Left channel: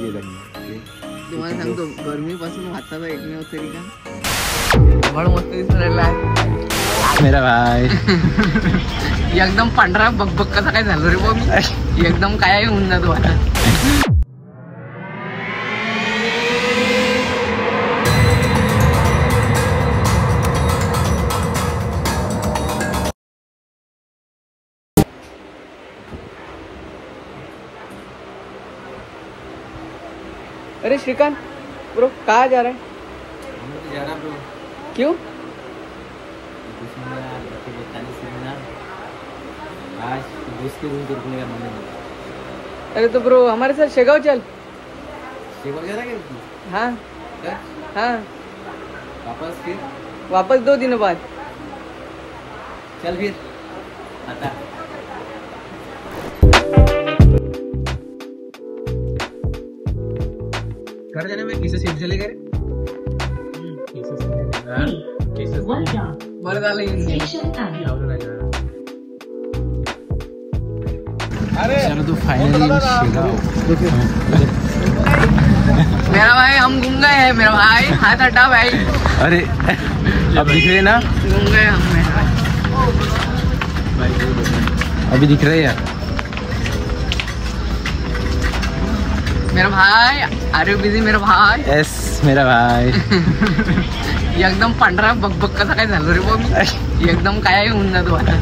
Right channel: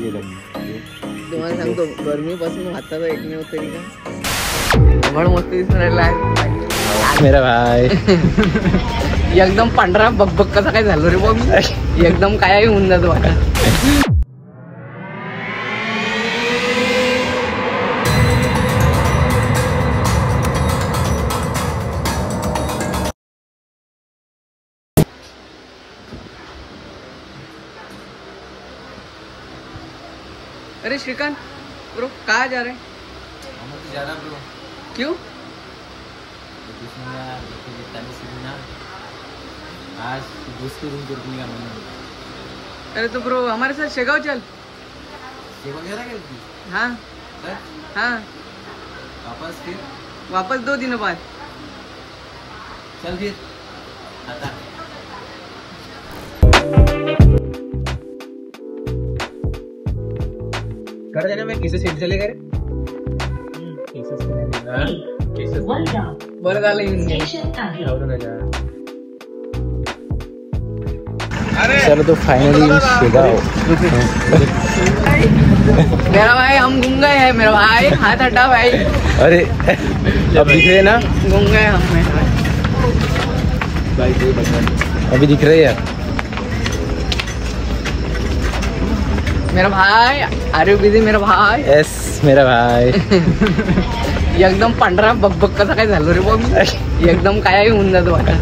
तुम्हाला सांगतो गरमीपासून हाताचा एकमेव तरी का बड मस्त दिसून राहिला आहे मेरा भाई. एकदम पांढरा बकबक कसा काय झालो रे बघ एकदम काय होऊन जातो आता. अरे श्रीकांत ब्रो कहाँ जा रहे हैं? जा रहा ब्रो. क्यों? आज दोस्त के रूम पे रुकने का मन है. अरे तो ब्रो हमारे साथ शेगांव चल. शेगांव जा रहा है क्या? हाँ हाँ वापस फिर वापस 2 दिनों बाद. चल फिर आता. कर देना मैं किसे सीट चले गए बरं झालं येऊन. चलो तो फाइनली शेगांव. मेरा भाई हम घूम गए हैं मेरा भाई. हाथ हटा भाई. अरे अब दिख रहे ना. घूम गए हम अभी दिख रहे यार. मेरा भाई. आर यू बिझी मेरा भाई? यस मेरा भाई. एकदम पांढरा बकबक कसा काय झालो रे बघ एकदम काय होऊन जातो आता.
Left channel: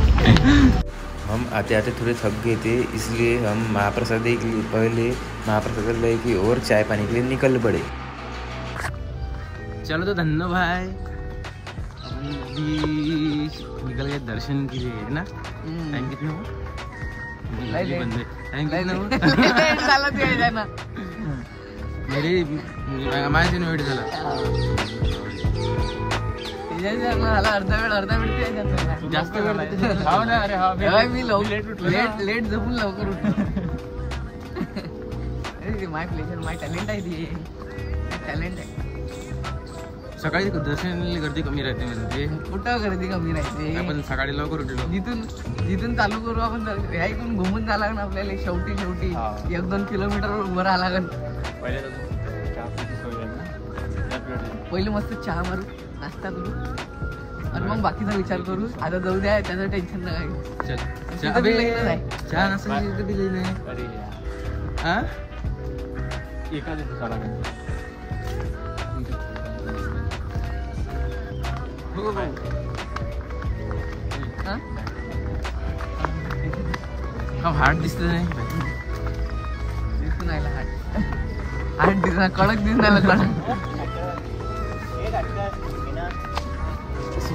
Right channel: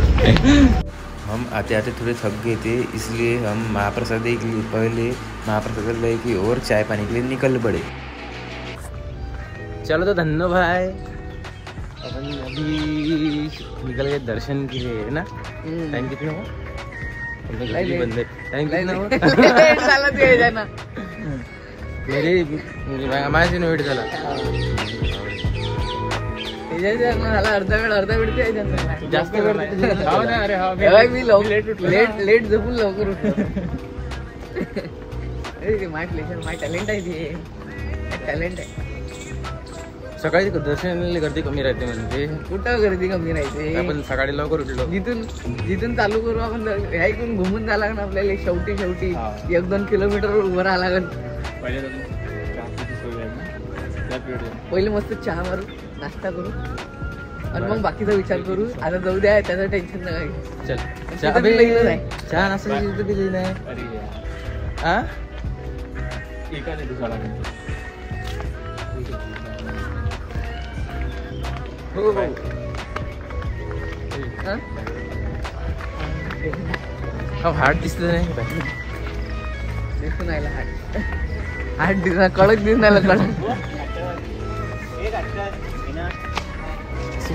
हम आते आते थोड़े थक गए थे, इसलिए हम महाप्रसाद के लिए पहले महाप्रसाद की और चाय पानी के लिए निकल पड़े. चलो तो धन्नो भाई अपन अभी निकल गए दर्शन के लिए है ना. टाइम कितना हुआ? बंद है. टाइम कितना हुआ? मेरे माझ्या वेट झाला. अर्धा वेळ जास्त वेळ मी लेट झोपून लवकर उठलो. अरे माय टॅलेंट आहे ते. टॅलेंट आहे. सकाळी दर्शनाला गर्दी कमी राहते म्हणजे. कुठं गर्दी कमी राहते? आपण सकाळी लवकर उठलो. जिथून चालू करू आपण ऐकून घुमून जायला लागणार आपल्याला. शेवटी 1-2 किलोमीटर उभं राहावं लागेल. पहिले मस्त चहा मारू, नाश्ता करू आणि मग बाकीचा विचार करू. आता जाऊ द्या त्याचं टेन्शन नाही. चहा नाश्ता दिली नाही. हार्ट दिसत नाही. दिसून आला हार्ट दिसणार. कडक दिसून आला. कडक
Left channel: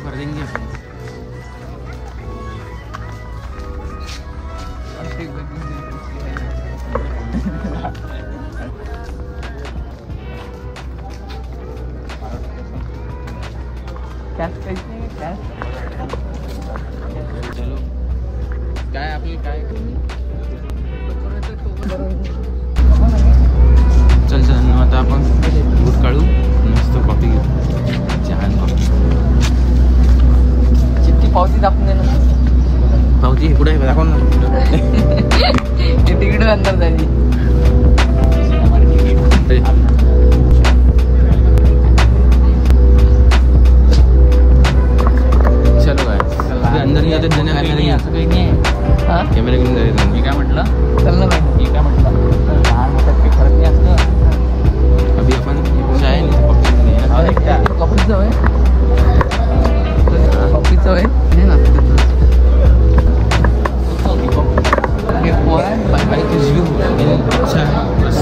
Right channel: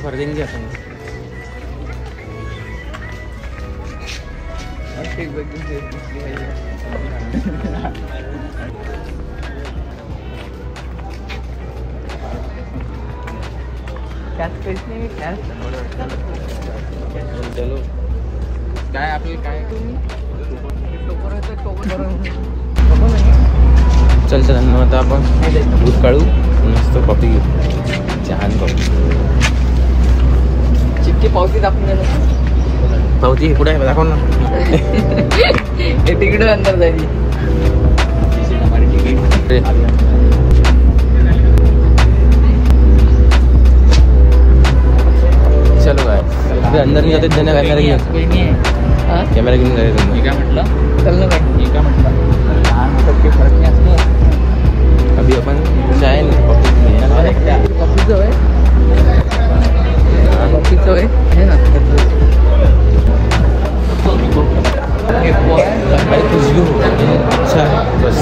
कर देंगे अपन. चलो काय आपल्याला काय चल चल आता आपण बूट काढू. मस्त कॉफी घेऊ. छान कॉफी. चिक्की पावती दाखवून गेलो. पावती कुठे आहे दाखव ना. तिकीट अंदर जायची. चलो भाई अंदर नहीं जाते. कैमरा घेऊन जायचं. काय म्हटलं? चल ना. अभी अपन चाय नहीं कॉफीचं होय. कॉफीचं होय हे ना. अच्छा है बस.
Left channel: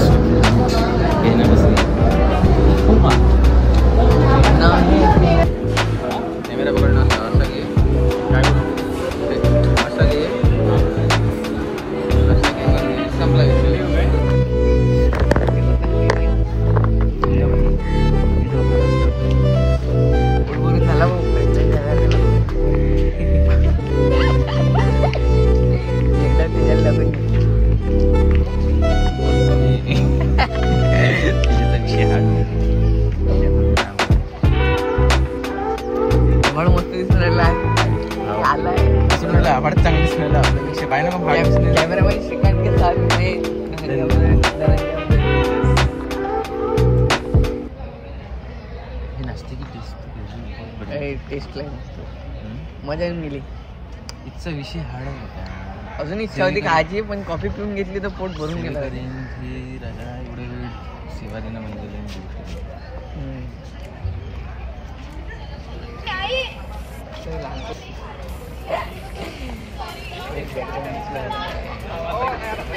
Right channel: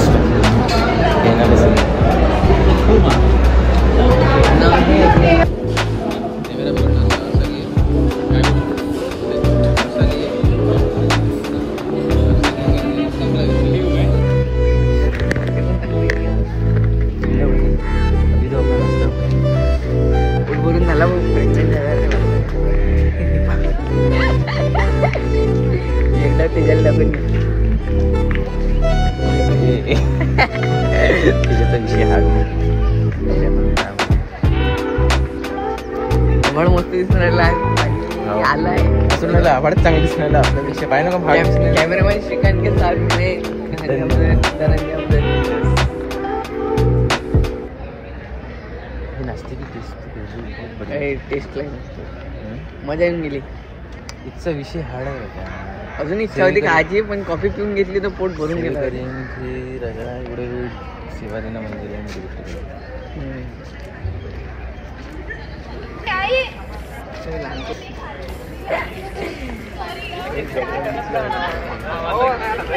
कॅमेरा पकडला भरून झाला प्रेग्नेंट झाला. एकदा तिच्याला पण त्याचा विषय हा. बड मस्त दिसून राहिला आहे. आलाय दिसून राहिला. आवडत चांगली दिसून राहिला. आपल्यापेक्षा पाहिजे ना. कॅमेरामॅन श्रीकांत के साथ में धनंजय इथे की टेस्ट बहुत बढिया. टेस्ट लाईन असतो. मजा येऊन गेली. इथचा विषय हार्ड आहे का? अजून इच्छा होती खायची पण कॉफी पिऊन घेतली तर पोट भरून गेलं. राजा एवढे वेळ सेवा देणं म्हणजे लई मोठी गोष्ट आहे.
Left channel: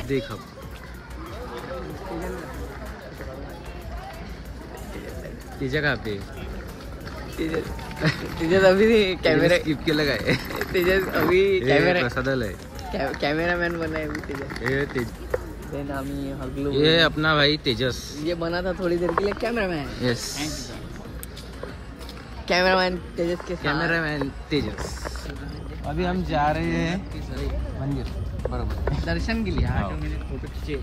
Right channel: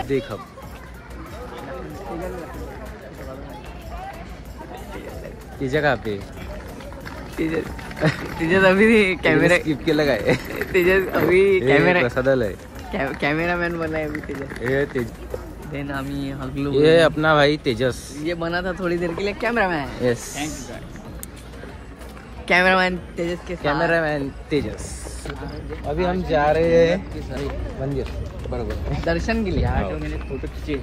देख अब तिच्या का पे तिच्यात अभी कॅमेरा स्किप केलं काय? तिच्यात अभी प्रसादाला आहे. कॅमेरामॅन बनाया ये अपना भाई तेजस. ये बना था थोड़ी देर के लिए कैमरामैन. यस कैमरामैन तेजस के कैमरामैन तेजस. अभी हम जा रहे हैं मंदिर. बरोबर दर्शन के लिए. फोटो खींचे.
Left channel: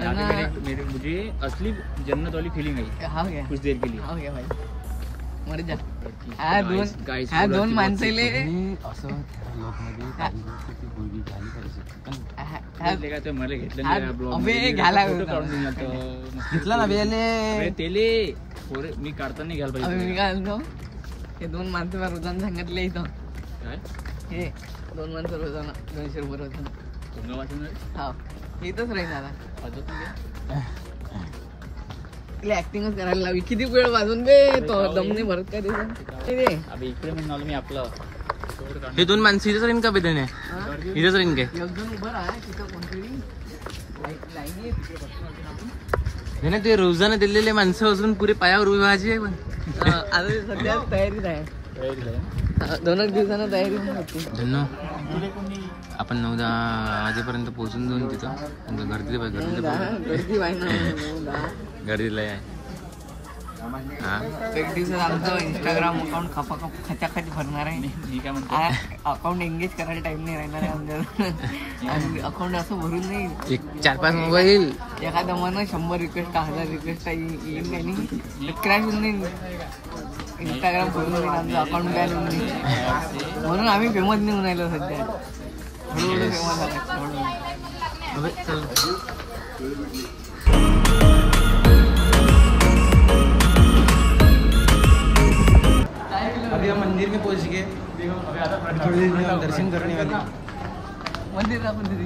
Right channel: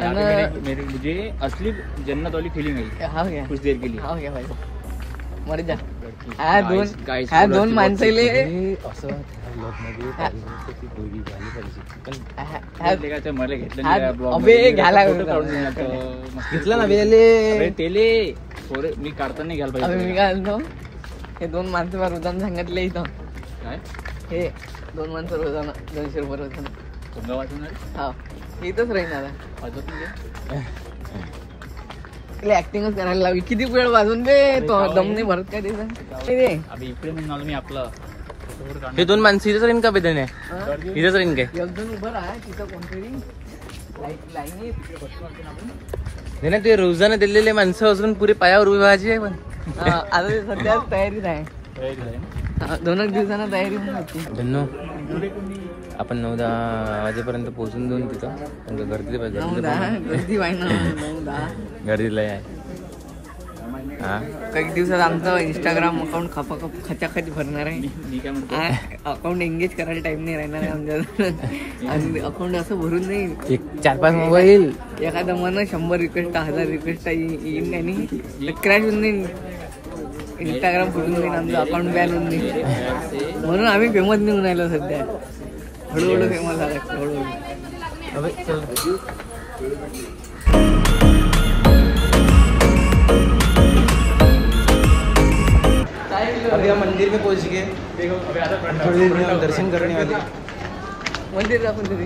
मुझे असली जन्नत वाली फीलिंग हुई हाँ गया कुछ देर के लिए. हाँ गया भाई मर जा. हा दोन माणसाले अबे घ्यायला घेतला ना बेले तेले मी काढताना घ्यायला पाहिजे. मी काय म्हणतो हे दोन माणसं रोजानं सांगितले इथं. हे दोन माणसं रोजानं 200 रुपये रोजानं. हा इथंच राहीन आता. ऍक्टिंगच करायला लागली. किती वेळ वाजून दे दम नाही भरत काय मी आपला हे दोन माणसं इथंच राहीन का बेदणे? इथंच राहीन काय? एकदम उभं राहा तिथं कोणतरी लाईन नाही ना ते रोजानं दिलेले माणसं अजून पुरे पायावर उभी व्हायची आहे. पण आता सध्या तयारी नाही. 2 दिवसांना तयारी नाही. धन्नो आपण 9-10 वाजेपर्यंत पोहोचून देऊन तिथं गर्दीला आहे. हा काही दिवसात आमचं इंस्टाग्राम अकाउंट खचाखच भरणार आहे. अकाउंट एंगेज करायला टाइम नाही राहणार आहे आमच्या. आणि अकाउंट असं भरून नाही 4-5 मोबाईल एखादं मन 100 रिक्वेस्ट 1000 रिक्वेस्ट येईन आणि क्रॅश होऊन नाही. इंस्टाग्राम फुटून देईन आमचं अकाउंट बॅन होऊन नाही. म्हणून आम्ही फेमस नाही होऊन राहिलो सध्या. हळूहळू फेमस झाला हळूहळू. अबे चल अभी हम मंदिर में पहुंच गए. थोड़ी देर में हम दर्शन करने वाले. मंदिर का मंदिर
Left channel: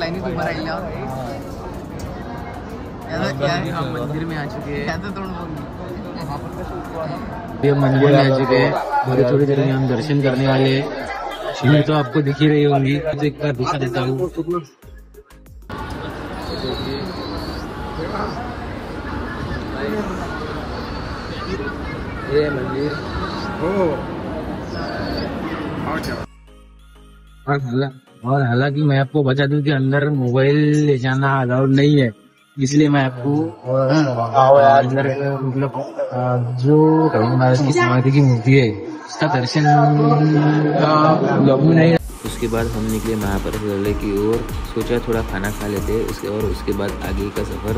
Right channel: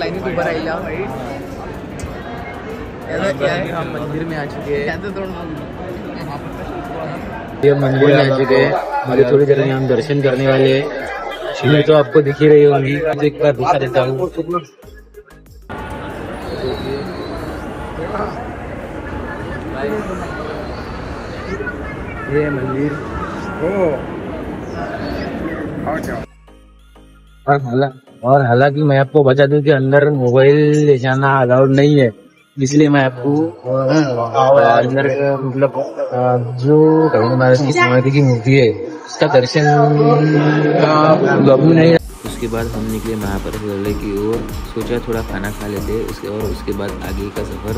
लाईनीत उभं राहिल्यावर हम मंदिर में आ चुके हैं. त्याचं तोंड ये मंदिर में आ चुके हैं. अभी थोड़ी देर में हम दर्शन करने वाले हैं. सीढ़ी तो आपको दिख ही रही होगी. एक बार दिखा देता हूँ. ये मंदिर और हालांकि मैं आपको बता दूं कि अंदर मोबाइल ले जाना अलाउड नहीं है. इसलिए मैं आपको अंदर मतलब जो कभी महाराज की समाधि की मूर्ति है उसका दर्शन नहीं. उसके बाद हम निकले महाप्रसाद की ओर. सोचा थोड़ा खाना खा लेते उसके बाद आगे का सफर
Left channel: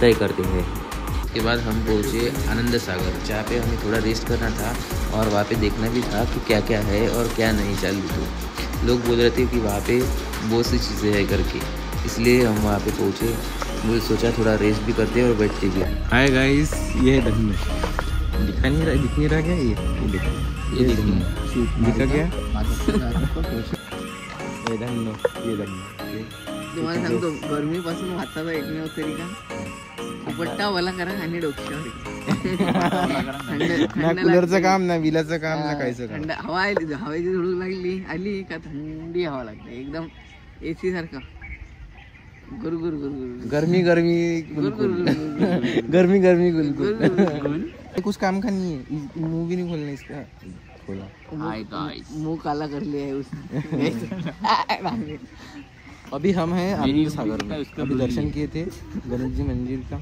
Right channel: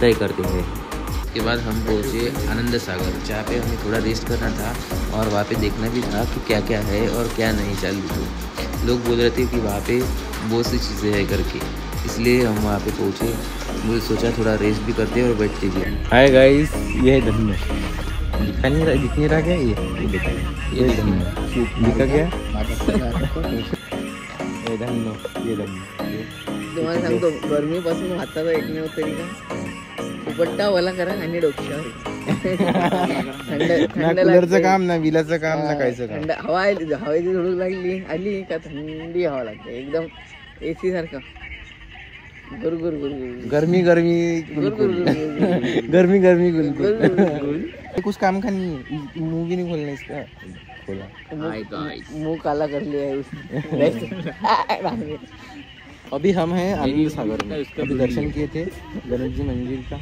तय करते हैं. उसके बाद हम पहुंचे आनंद सागर जहाँ पे हमें थोड़ा रेस्ट करना था और वहाँ पे देखना भी था कि क्या क्या है और क्या नहीं चालू. तो लोग बोल रहे थे कि वहाँ पे बहुत सी चीज़ें हैं करके, इसलिए हम वहाँ पे पहुँचे. मुझे सोचा थोड़ा रेस्ट भी करते और बैठते भी. हाय गाइस, ये है धन्नो. दिख नहीं रहा क्या? ये दिखा क्या? ये धन्नो. तुम्हाला सांगतो गरमीपासून वाचायचा एकमेव तरीका दुपट्टा ओला करा आणि डोक्यावर कूलरचं काम ना, विलाचं काम ना, कायचं काम. थंड हवा हवेची झुळूक लागली आली का थंडी हवा लागते एकदम एसी सारखा. गुरगुर गुरगुर गर्मी गर्मी गर्मी गर्मी गुलगुल. कुछ काम का नहीं है, मूवी नहीं खोलना इसका. खोला मुंह काला कर लिया है उसने. अभी हम हैं आनंद सागर में. अभी दर्शन किए थे गणेश जी मंदिर का.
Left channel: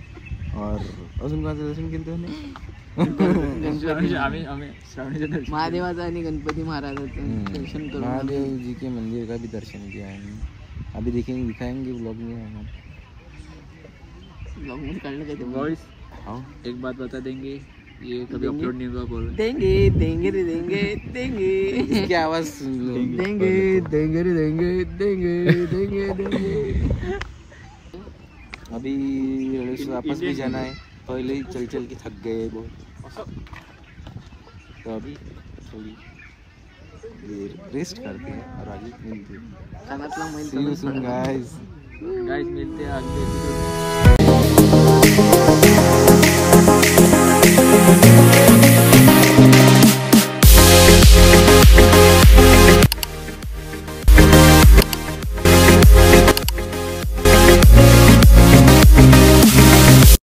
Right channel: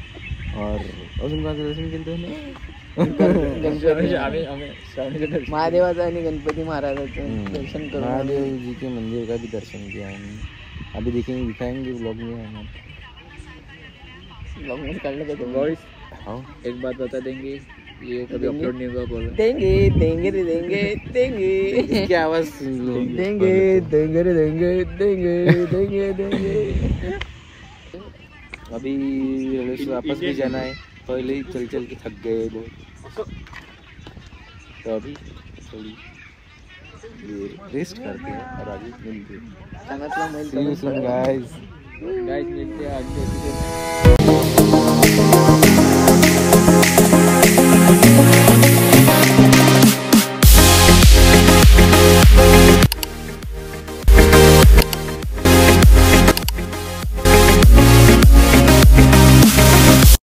और अजून कोणाचं दर्शन केलं तुम्ही? महादेवाचं आणि गणपती महाराजाचं दर्शन करून महादेव जी के मंदिर का भी दर्शन किया हमने. अभी देखेंगे, दिखाएंगे ब्लॉग में हम. ब्लॉग मध्ये काढलं काय ते हाँ एक बात बता देंगे, ये कभी अपलोड नहीं हुआ बोला. देंगे देंगे रे देंगे देंगे इसकी आवाज सुन लो. देंगे देंगे रे देंगे देंगे देंगे देंगे. अभी रेलवे से वापस भी जाना है. पहले ही चल चल के थक गए बहुत, तो अभी थोड़ी ये रेस्ट करते हैं और आगे मिलते हैं. कानातला मैल See you soon, guys. Guys मिलते हैं अगले एपिसोड में.